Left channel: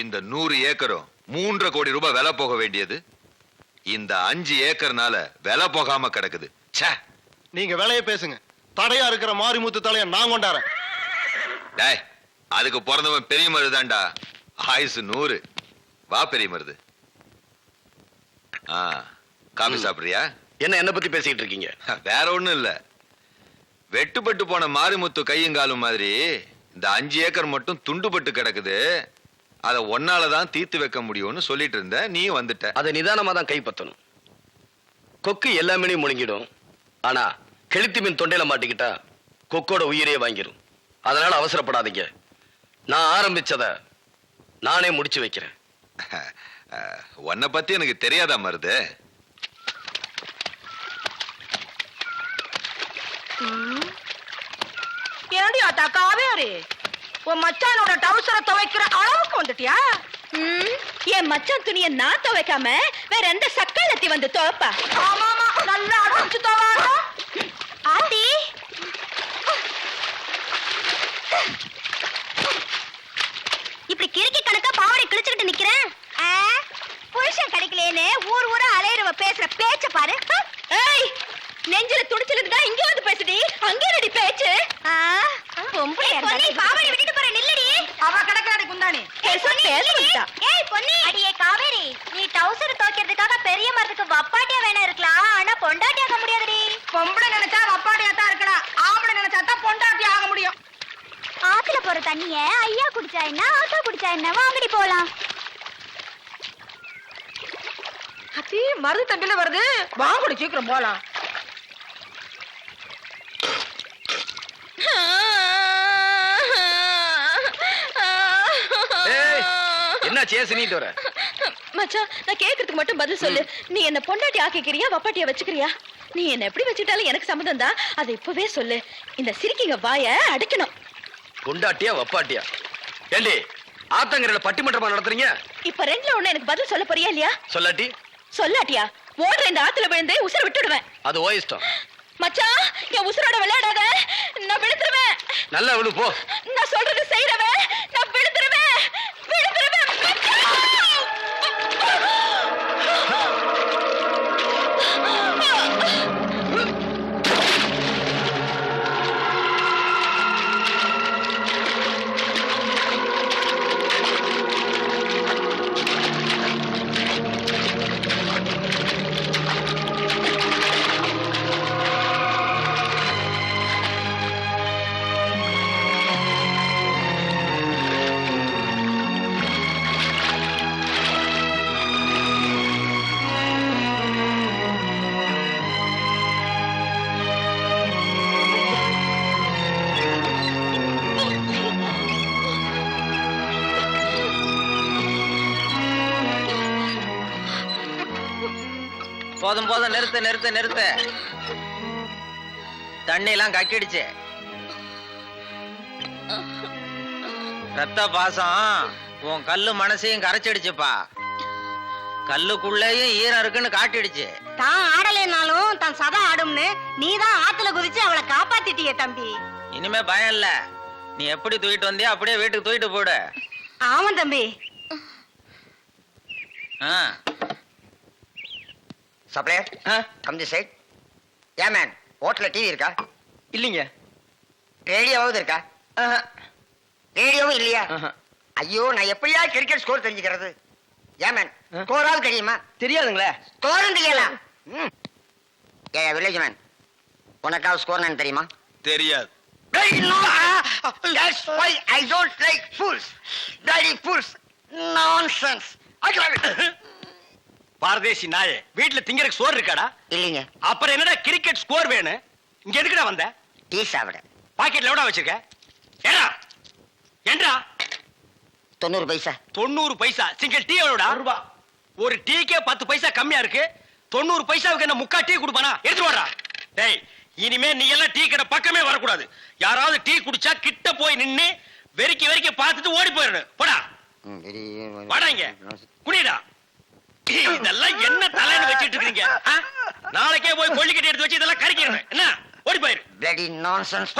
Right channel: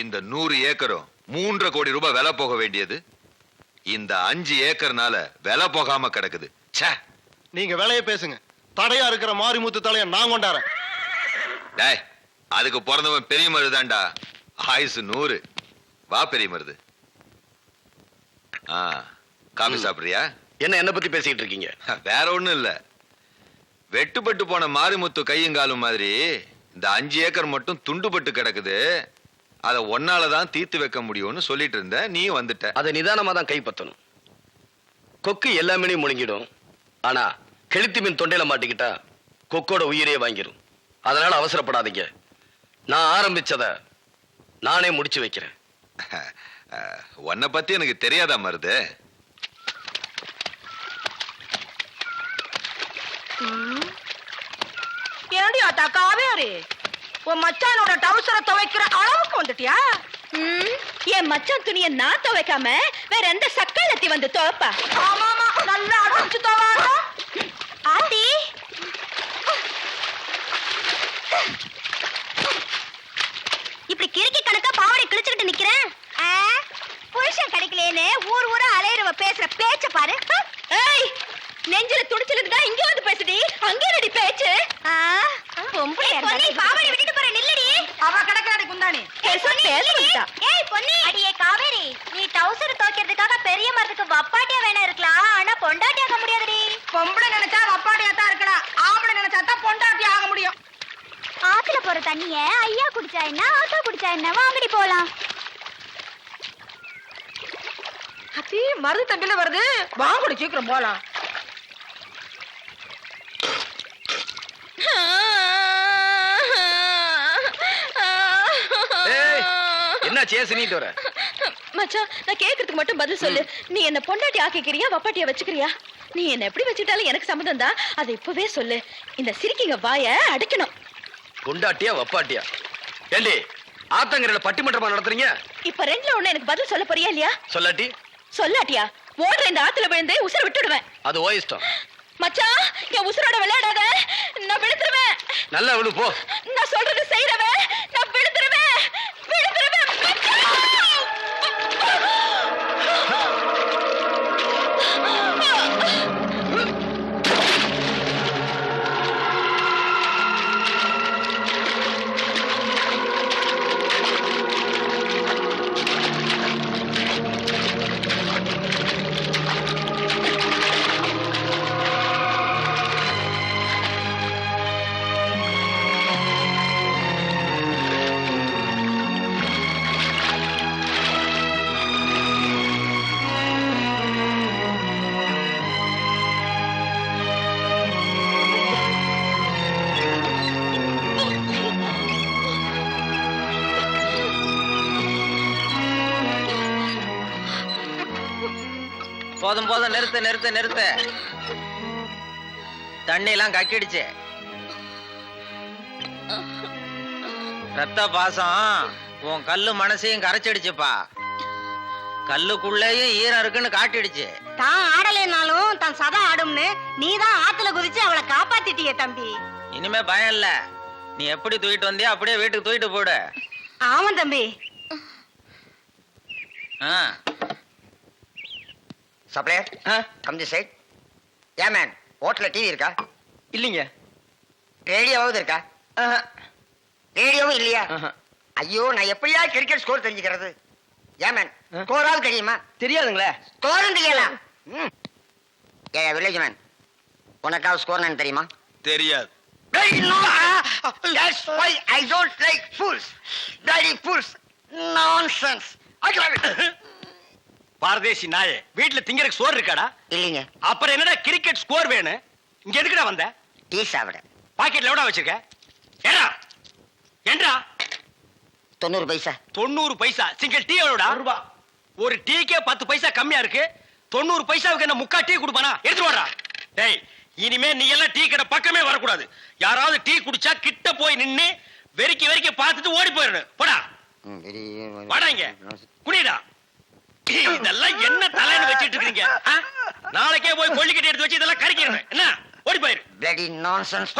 இந்த 100 ஏக்கரும் 3.5 கோடி ரூபாய் விலை போக வேண்டியது இந்த 5 ஏக்கர்னால விலை போகாம கிடக்குது. ச்சே, நீங்க விலைய பேசுங்க. தடையா இருக்கிற மாரிமுத்து தலைய நான் கொண்டாறேன். டேய், அதுக்கு பிறந்தவன் பெரிய மருதாண்டா. ஆயுசு 100. வா பெரிய மருது. காபி சாப்பிடுறியா? என்ன பத்தி பேசிட்டு இருக்கீங்க? வேற ஒண்ணும் இல்ல. வெட்டுப்பட்டு போன மாரிமுத்து கையுங்காலும் மாதிரி இந்த 5 ஏக்கர் மட்டும் துண்டுபட்டு கிடக்குது. அதை ஒன்னாலதான் தீர்த்து வைக்க முடியும்னு சொல்லிட்டு இருந்த, நீ வந்துட்ட. அதை நிதானமா தான் கைப்பற்றணும். கொக்கு எல்லாமே முழுங்கிடும். ஆனா கெளுத்தி மீன் தொண்டையில மாட்டிக்கிட்டா கொக்கோட உயிரையே வாங்கிரும். அதனால அவசரப்படாதீங்க. நான் ஆரம்பிச்சத நானே முடிச்சு வைக்கிறேன். உன்னை பத்தி எனக்கு தெரியாதா மருது? ஏடி அத்தா காவேரி, உன் மச்சானோட டவுசரை துவைக்கிற அளவுக்கு வந்துட்டியா? என் மச்சான் துணியை நான் துவைக்காம வேற எந்த சக்காலத்தி வந்து துவைப்பா? ஆமாமா, நல்லா அடைச்சு துவாடா. ஆண்டி, இப்படி கிறுக்கி கணக்கா பாவாடை கிழிச்சுக்கிட்டு நிக்கிறேன். புருஷன் கிடைக்கலேன்னு ஊர் ஊரா அலையிறவ பேசுற பேச்ச பாரு. ஏய், நெஞ்சில துடிச்சிருக்கு தான் இங்க வந்து பேசுடி. அங்க ரெடி பேச்சு. பொம்பளை பாவாடை விட்டுட்டு போற நில்லடி. அவ கிடக்காடி குந்தாணி. ஏய் பொன்னி, அடியே காவேரி, நீ டவுசர் துவைக்கிறதுக்காக பெரிய மரத்துக்கு வப்பாட்டியா வேணா இருக்கலாம், ஆனா பொண்டாட்டி ஆக முடியாதுடி. பொம்பளை நினைச்சா வப்பாடியா தான் இருக்கலாம், ஆம்பளை நினைச்சா தான் பொண்டாட்டி ஆக முடியும். ஆத்துல போற தண்ணிய ஐயா குடிச்சா என்ன, ஆத்தா குடிச்சா என்ன, வாங்கடி போலாம். அத்தி மருது தண்டில வருது, வாங்கடி சீக்கிரம் போலாம். என்ன சேசினிட்டு வர? மச்சான், நான் கேக்குறதுக்கு மட்டும் பதில் சொல்லு. நீ என்ன பொண்டாட்டி ஆக்கிக்கிறியா, வப்பாட்டியா வச்சுக்கிறியா? நீ என்ன எப்படி வச்சுட்டாலும் எனக்கு சம்மதம் தான். அதை இப்பவே சொல்லு. இந்த சிரிக்கிங்க வாய அடைக்கணும். பொண்டாட்டியா வப்பாட்டியா? ஏண்டி ஆத்தங்கரையில பட்டிமன்றமா நடத்துறீங்க? இப்ப ரெண்டுல ஒண்ணு எனக்கு பதில் சொல்ல போறியா இல்லையா? சொல்லாட்டி சொல்லாட்டியா ஓடுற இந்த ஆத்துல விழுந்து உசுர விட்டுடுவேன். அது ஓ இஷ்டம். மச்சான், என் உசுரோட விளையாடாத, நான் விழுந்துருவேன். நல்லா விழு போ. நான் சொல்றது செய்யறவன், நான் விழுந்துருவேன். போதும் போதும், நிறுத்து நிறுத்து நிறுத்து. தண்ணி எல்லாம் கக்கிடுச்சு. ரத்த பாசம் உன் கல்லு மனசையும் கரைச்சிடுச்சுப்பா. கல்லுக்குள்ளேயும் ஈரம் இருக்குன்னு காட்டிடுச்சு. தான் ஆடலைனாலும் தன் சதா ஆடும்னு நீதான் ஆத்துல குதிச்சு அவளை காப்பாத்திட்டிய தம்பி. இனிமே பயம் இல்ல. நீ எப்படி தூக்கிட்டு வந்தியா அப்படியே வீட்டுக்கு தூக்கிட்டு போடு. ஆமா தம்பி. Supplier, come this side. ஏன் மேன், ஹோட்டல்ல டிவி இருக்கா? இல்லைங்க. ரேடியோவாவது இருக்கா? ரேடியோவும் இல்லையா? ஐயோ, நான் எப்படியா கிரிக்கெட் ஸ்கோர் தெரிஞ்சுக்கிறது? ஏன் மேன், ஸ்கோராவது தெரியுமா? தெரியாதுங்களே. ஸ்கோரும் தெரியலாம். ஏ வில்லேஜ் மேன், உனக்காவது ஸ்கோர் நான் தெரியுமா? தெரியாது. That's why I don't like fools. Bloody fools. Nonsense. பாரதேசி நாயே, வீட்டுல திங்கறதுக்கு சோறு இருக்காடா? இல்லைங்க. அப்புறம் என்னடா கிரிக்கெட் ஸ்கோர் வேணும்? இங்க எதுக்குடா வந்த? டீ சாப்பிட. பாக்கெட்ல எவ்வளவு வச்சிருக்க? ஏடா ஏண்டா? 90 பைசா. 90 பைசா. Single tea எவ்வளவுடா? ரூபா. ஒரு டீக்கே 10 பைசா கம்மியா இருக்கு. 90 பைசாவுக்கு என்ன முக்கா டீ குடுப்பானா? எடுத்து வாடா. டேய், இனிமே நீ எல்லாம் டீ கடை பக்கமே வரக்கூடாது. யாராவது டீ குடிச்சா கிட்ட போய் நின்னு வெறிக்கி வெறிக்கி பார்த்துட்டு ஓடி போயிடணும். போடா வாடா, இங்க குடிடா. இதெல்லாம் என்ன தலைன்னு வச்சிட்டு இருக்கீங்க? நாளைக்கே போய் கொள்ளிக்கட்டி எடுத்து வச்சு இதெல்லாம் கறிக்கிறேன். என்ன ஓடி போயிரு. bloody nonsense.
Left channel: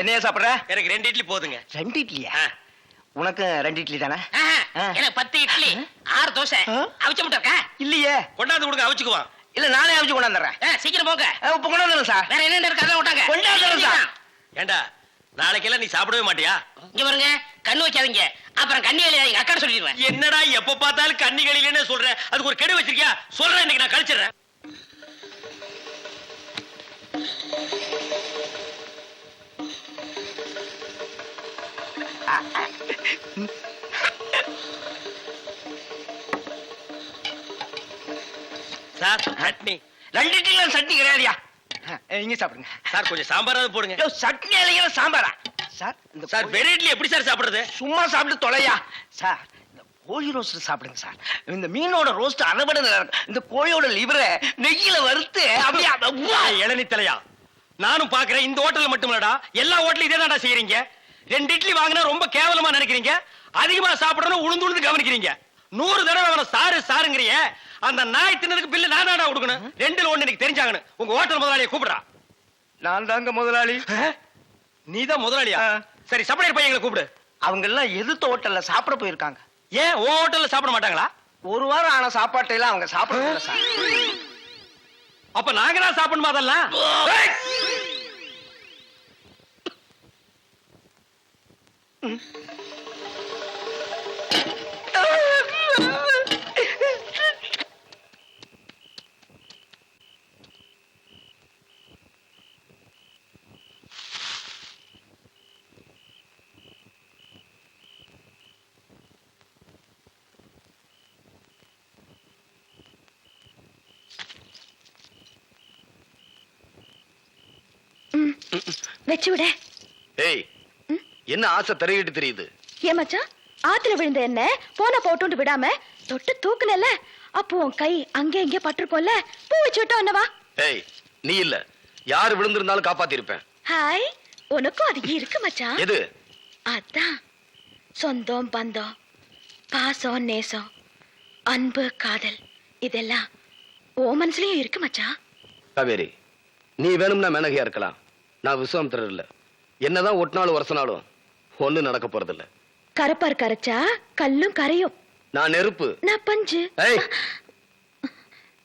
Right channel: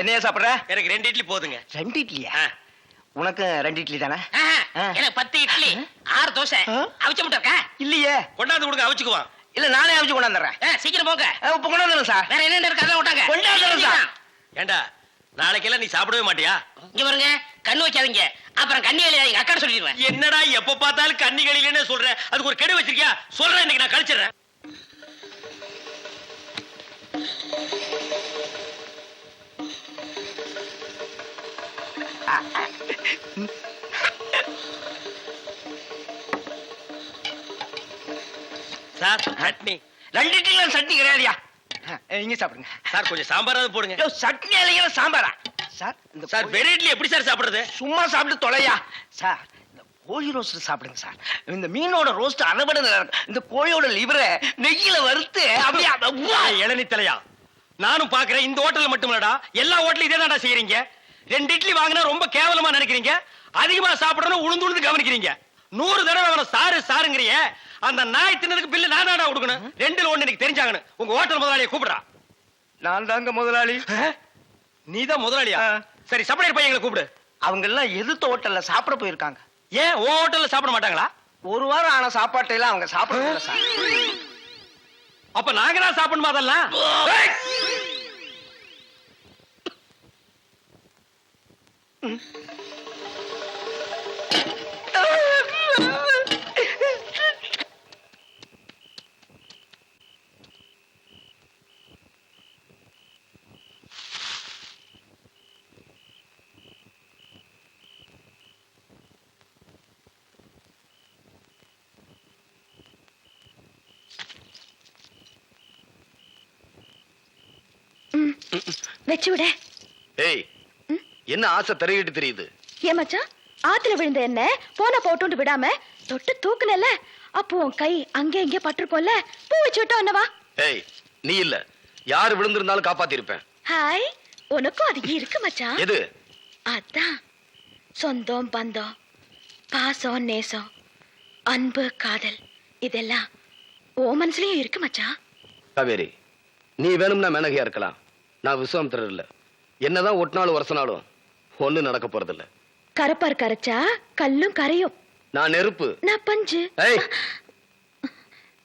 என்னையா சாப்பிடுற? எனக்கு 2 இட்லி போதுங்க. 2 இட்லியா? உனக்கு 2 இட்லி தானே? எனக்கு 10 இட்லி 6 தோசை அவிச்ச முட்டை இருக்கா? இல்லையே. கொண்டாந்து கொடுங்க அவிச்சுக்குவான். இல்ல நானே அவிச்சு கொண்டாந்துறேன். சீக்கிரம் போங்க. இப்ப கொண்டாந்துறேன் சார். வேற என்ன இருக்கு அதான் விட்டாங்க. கொண்டாந்துறேன் சார். ஏண்டா நாளைக்கெல்லாம் நீ சாப்பிடவே மாட்டியா? இங்க பாருங்க, கண்ணு வைக்காதீங்க, அப்புறம் கண்ணி எழுதாதீங்க, அக்கா சொல்லிடுவேன். என்னடா எப்ப பார்த்தாலும் கண்ணி கழிலன்னு சொல்றேன்? அதுக்கு ஒரு கெடு வச்சிருக்கியா? சொல்றேன், இன்னைக்கு நான் கழிச்சிடுறேன். சார் சட்னி 2 இட்லி சட்னி கிடையாதுயா. இங்க சாப்பிடுங்க சார். கொஞ்சம் சாம்பாராவது போடுங்க. சட்னி இல்லைங்க சாம்பாரா சார்? இந்த சார் வெறும் இட்லி எப்படி சார் சாப்பிடுறது? சும்மா சாப்பிட்டு தொலையா சார். இந்த கோழி ரோஸ்ட் சாப்பிடுங்க சார். இந்த மீனோட ரோஸ்ட் அரைபட நல்லா இருக்கும். இந்த கோழியோட லிவரை நெய்யில வறுத்து அப்படியே இளநி தலையா, நானும் பாக்குறேன். இந்த ஹோட்டல்ல மட்டும் இல்லடா, எல்லா ஹோட்டலும் இதே தான்டா செய்யறீங்க. 2 இட்லி வாங்கினா ரொம்ப கேவலமா நினைக்கிறீங்க. அதிகமா சாப்பிடணும் உளுந்து உளுந்து கவனிக்கிறீங்க. 100 தடவை அவனை சாரு சாருங்கிறிய. அந்த நாய் தின்னதுக்கு பில்லு நான் தான்டா கொடுக்கணும். 2ல 1 எனக்கு தெரிஞ்சாங்கன்னு உங்க ஹோட்டல் முதலாளியை கூப்பிடுறா. நான் தாங்க முதலாளி. நீதான் முதலாளியா? சரி, சப்ளையர் பையங்களை கூப்பிடு. அவங்க எல்லாம் எதிர்த்த ஹோட்டல்ல சாப்பிட போயிருக்காங்க. ஏன் உன் ஹோட்டல்ல சாப்பிட மாட்டாங்களா? 1 வாரம் ஆன சாப்பாட்டை எல்லாம் அவங்க சாப்பிடல சார். அப்ப நாங்க தான் சாப்பிடணுமா அதெல்லாம்? வெச்சு விட. ஏய், என்ன ஆசை தரையிட்டு தெரியுது? ஏன் மச்சான், ஆத்துல விழுந்த என்ன போன போட்டு விடாம தொட்டு தூக்குனல, அப்போ உன் கை அங்கே இங்கே பட்டிருக்கோம்ல, பூ வச்சு விட்டோம் என்னவா? ஏய், நீ இல்ல, யாரு விழுந்திருந்தாலும் காப்பாத்தி இருப்பேன். ஹாய், உனக்கும் அது இருக்கு மச்சான். எது? அதான் சொந்தம் பந்தம், பாசம் நேசம், அன்பு காதல், இதெல்லாம் ஓ மனசுலயும் இருக்கு மச்சான். காவேரி, நீ வேணும்னா மேனகையா இருக்கலாம், நான் விஸ்வாமித்திரர் இல்ல. என்னதான் ஒட்டினாலும் வருஷனாலும் ஒண்ணு நடக்க போறது இல்ல. கரப்பார் கரைச்சா கல்லும் கரையும். நான் நெருப்பு, நான் பஞ்சு. ஏய்.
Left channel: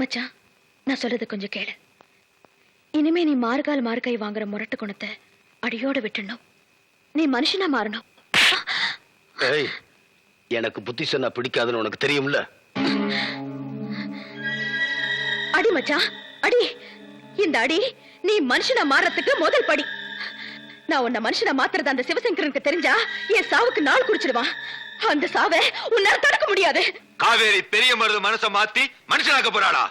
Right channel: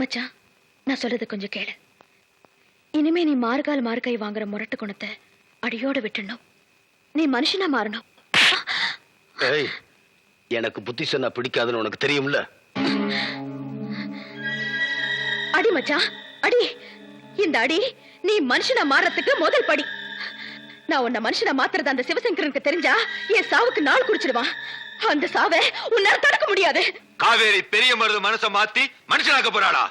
மச்சான், நான் சொல்றது கொஞ்சம் கேளு. இனிமே நீ மார்கால் மார்கை வாங்குற முரட்டு குணத்தை அடியோட விட்டுணும். நீ மனுஷனா மாறணும். ஏய், எனக்கு புத்தி சொன்னா பிடிக்காதுன்னு உனக்கு தெரியும்ல. அடி மச்சான், அடி. இந்த அடி நீ மனுஷனா மாறத்துக்கு முதல் படி. நான் உன்னை மனுஷனா மாத்துறது அந்த சிவசங்கரனுக்கு தெரிஞ்சா என் சாவுக்கு நாள் குடிச்சிடுவான். அந்த சாவை உன்னால தடுக்க முடியாது. காவேரி பெரிய மருது மனச மாத்தி மனுஷனாக்க போறாளா?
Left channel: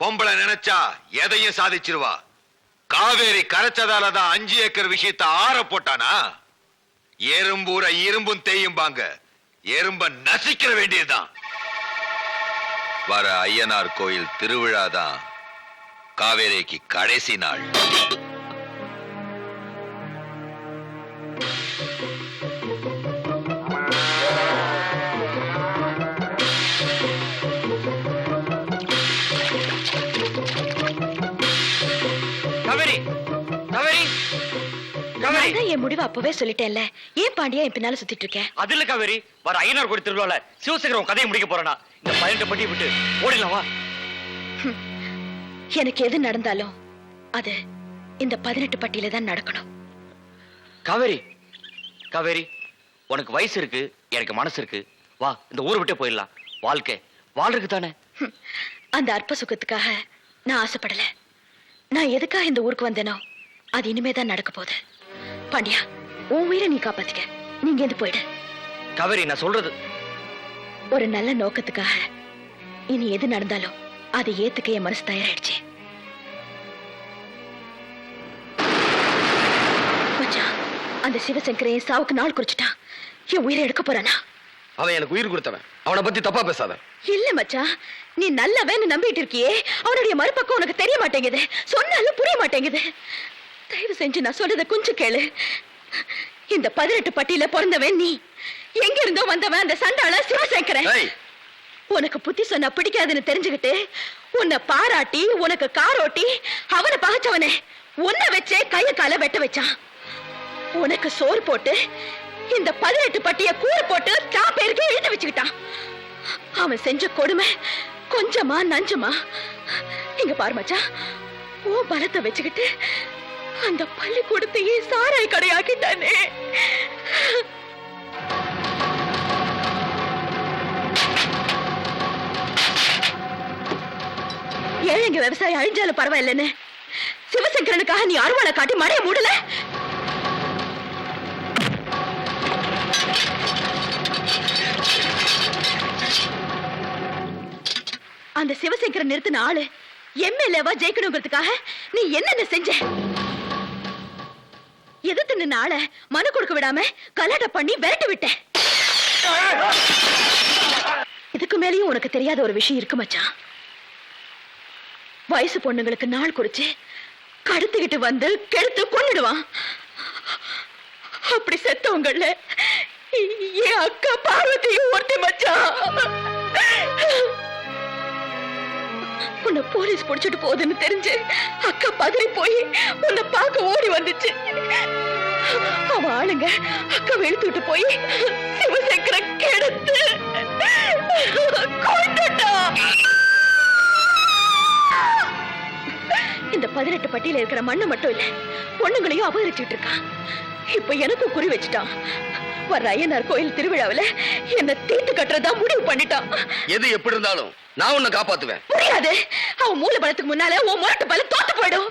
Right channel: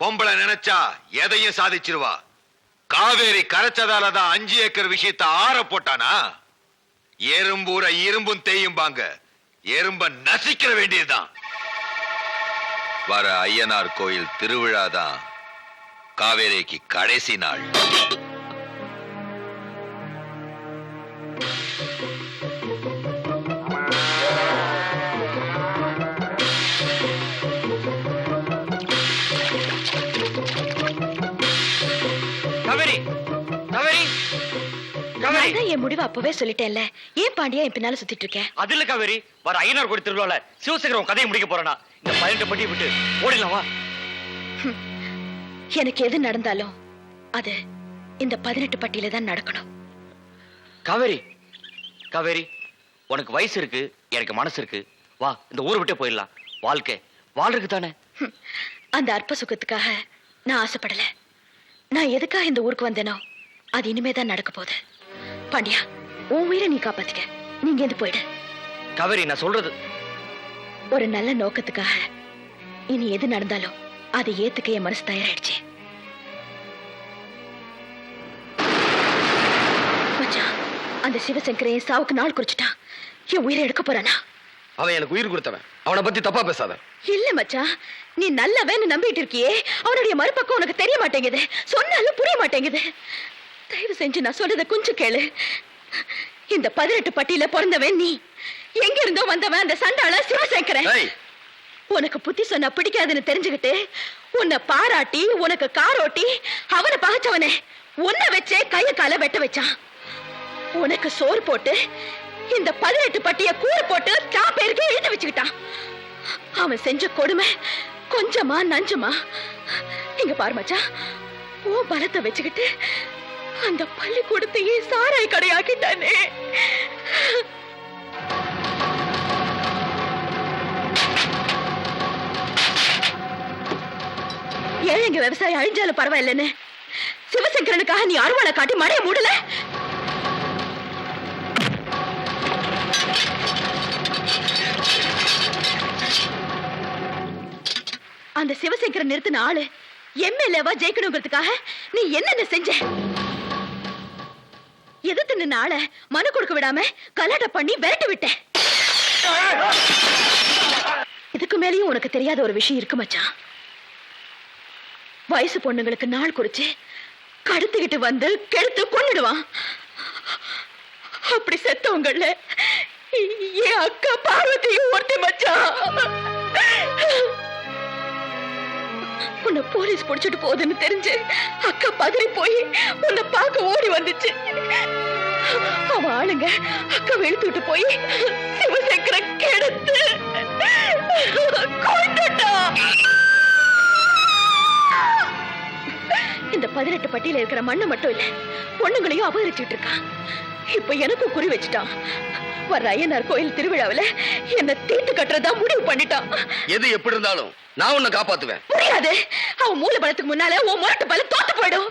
பொம்பளை நினைச்சா எதையும் சாதிச்சிருவா. காவேரி கரைச்சதாலதான் 5 ஏக்கர் விஷயத்தை ஆற போட்டானா? எறும்பூர இரும்பும் தேயும்பாங்க, எறும்ப நசிக்கிற வேண்டியதுதான். வர ஐயனார் கோயில் திருவிழாதான் காவேரிக்கு கடைசி நாள். காவேரி, காவேரி, காவேரி. நான் என் முடிவை அப்பவே சொல்லிட்டேன்ல. ஏன் பாண்டியா என் பின்னால சுத்திட்டு இருக்கேன்? அது இல்ல காவேரி, வர ஐயனார் கோயில் திருவிழால சிவசேகரம் கதையை முடிக்க போறேனா? இந்த 18 பட்டி விட்டு ஓடிடலாம் வா. எனக்கு எது நடந்தாலும் அது இந்த 18 பட்டியில தான் நடக்கணும். காவேரி, காவேரி, உனக்கு வயசு இருக்கு, எனக்கு மனசு இருக்கு. வா, இந்த ஊரை விட்டே போயிடலாம். வாழ்க்கை வாழ்றதுக்கு தானே. அந்த அற்ப சுகத்துக்காக நான் ஆசைப்படல. நான் எதுக்காக இந்த ஊருக்கு வந்தேனோ அது இனிமே தான் நடக்க போகுது. பாண்டியா, உன் உயிரை நீ காப்பாத்திக்க. நீங்க எது போயிடு. காவேரி, நான் சொல்றது ஒரு நல்ல நோக்கத்துக்காக இனி எது நடந்தாலும் அதை ஏத்துக்க என் மனசு தயாராயிடுச்சு. மச்சான், அந்த சிவசங்கரை என் சாவுக்கு நாள் குறிச்சிட்டான். என் உயிரை எடுக்க போறானா? அவன் எனக்கு உயிர் கொடுத்தவன், அவனை பத்தி தப்பா பேசாத. இல்ல மச்சான், நீ நல்லவன்னு நம்பிட்டு இருக்கியே, அவனுடைய மறுபக்கம் உனக்கு தெரிய மாட்டேங்குது. சொன்னாலும் புரிய மாட்டேங்குது. தயவு செஞ்சு நான் சொல்றத கொஞ்சம் கேளு. இந்த 18 பட்டியல பிறந்தவன் நீ. எங்க இருந்தோ வந்தவன் அந்த சண்டாள சிவசங்கரன். உனக்கு புத்தி சொன்னா பிடிக்காதுன்னு தெரிஞ்சுக்கிட்டு உன்னை பாராட்டி உனக்கு காரோட்டி அவனை பகைச்சவனே உன்னை வச்சே கைய கால வெட்ட வச்சான். உனக்கு சோறு போட்டு இந்த 18 பட்டிய கூறு போட்டு ஸ்டாப் பேருக்கு எழுதி வச்சுக்கிட்டான். அவன் செஞ்ச கொடுமை கொஞ்சமா நஞ்சமா? இங்க பாரு மச்சான், ஓ பலத்தை வச்சுக்கிட்டு அந்த பள்ளிக்கூடத்தையே சாராய் கடையாக்கிட்டானே. ஏழைங்க விவசாயம் அழிஞ்சாலும் பரவாயில்லன்னு சிவசங்கரனுக்காக நீ அருவாளை காட்டி மழைய மூடல. அந்த சிவசங்கரன் நிறுத்தின ஆளு எம்எல்ஏவா ஜெயிக்கணுங்கிறதுக்காக நீ என்னென்ன செஞ்ச? எதிர்த்து நின்ன ஆள மனு கொடுக்க விடாம கலாட்ட பண்ணி விரட்டி விட்ட. இதுக்கு மேலேயும் உனக்கு தெரியாத ஒரு விஷயம் இருக்கு மச்சான். வயசு பொண்ணுங்களுக்கு நாள் குறிச்சு கடத்திக்கிட்டு வந்து கெடுத்து கொன்னுடுவான். அப்படி செத்தவங்கள என் அக்கா பார்வதியும் ஒருத்தி மச்சான். உன்னை போலீஸ் பிடிச்சிட்டு போகுதுன்னு தெரிஞ்சு அக்கா பதறி போய் உன்னை பார்க்க ஓடி வந்துச்சு. அவ ஆளுங்க அக்கா வெளுத்துட்டு போய் சிவசங்கர கெடுத்து கொன்னுட்டா. இந்த 18 பட்டியல இருக்கிற மண்ணு மட்டும் இல்ல, பொண்ணுங்களையும் அபகரிச்சுட்டு இருக்கான். இப்ப எனக்கும் குறி வச்சுட்டான். வர்ற ஐயனார் கோயில் திருவிழாவில என்ன தீட்டு கட்டுறதா முடிவு பண்ணிட்டான். எது எப்படி இருந்தாலும் நான் உன்னை காப்பாத்துவேன். முடியாது. அவன் மூல பலத்துக்கு முன்னால உன் முரட்டு பலம் தோத்து போயிடும்.